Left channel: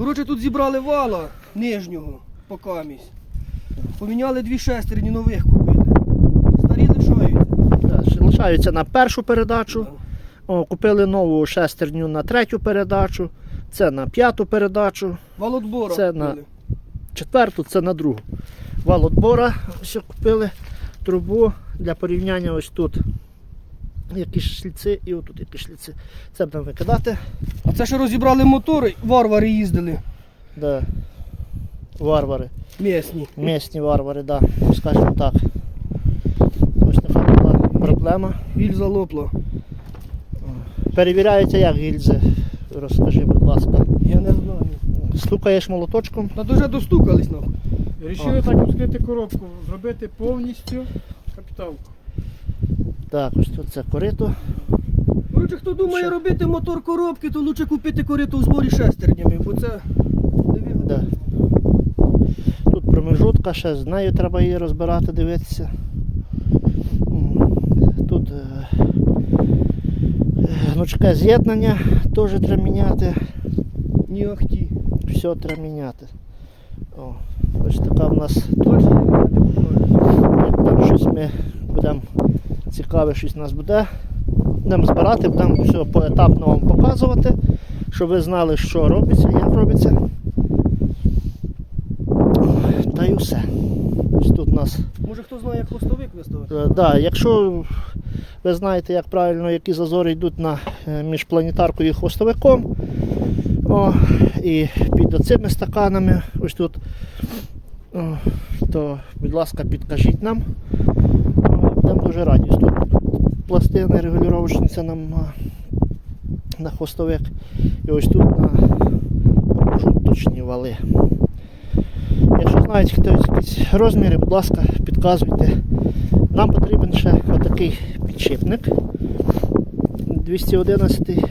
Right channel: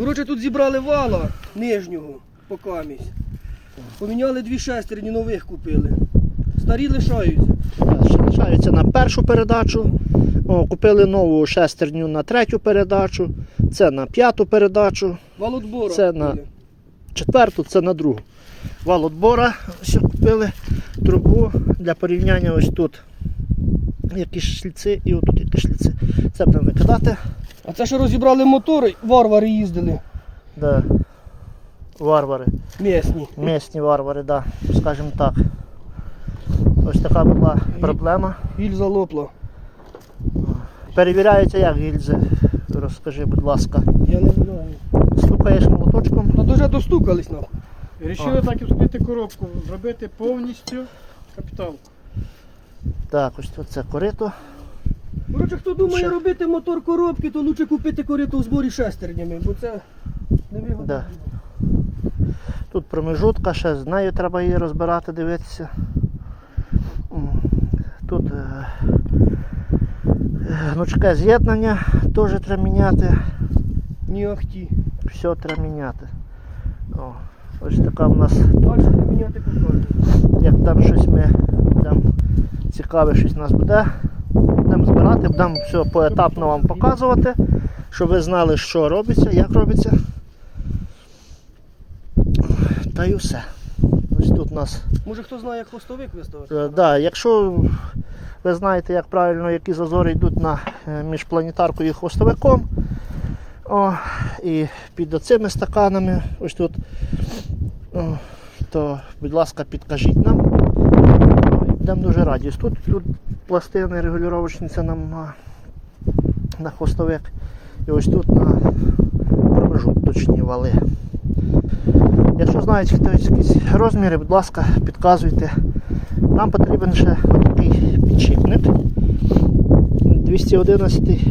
Коротше, тут зібрали вала нижнього по камість. Поміняли дві шестерні нових купили. Старі лишаються. Лишаються на першу передачу. О, купили нову шестерню на третю передачу. Це на п'яту передачу. Валотбора Це купили. на- Четверту це на другу. Вал отбора ще купили трубу для порівняння ось тут. Якісь шліци і отут якісь шліци. Це будемо викидати. А це що розібрали мотори, варвари їздили. Де варвари. Місні. Місні варвари, да, скажімо так. Ось така була проблема. Гільза лопла. Перевіряється як гільзи. Розкажи, будь ласка. Я не знаю. Стукаєш молоточком. Та вже достукались нам. Рішили так відкрити коробку, зробити повністю капіталку. Так, ось тут це корито. Коротше, хто думає Що? робити мотор коробки, то лучше купити корито у зборі шестернями, бо це невигодно. Да. Тут промежутка, ще з нею треба її розбирати, дивитися. Тут е, е, гнучке з'єднання теж треба міняти. Ні ахті. Все треба міняти. О, ось така в нас, як там щось ми цікаве, щось у нас буде. Будемо збирати, будемо все поетапно вам показувати, щоб ви знали, що робиться, як робиться. Та й усе. Ось тут у нас Може хто знає, як хвостовик виставити? Е, Да, якщо ви знаєте, як правильно, які зазори йдуть на, е, між планетаркою і хвостовиком, о, і під оцими стаканами, ось тут, о, то, будь ласка, підкажіть нам. Будемо дуже раді. Тут, тут пластини регулювачниця нам на, на хвостовик. І ось тут на промежуточні вали. Якщо знаєте хтось якісь розміри, будь ласка, підказуйте. Нам потрібен ще такий підшипник 211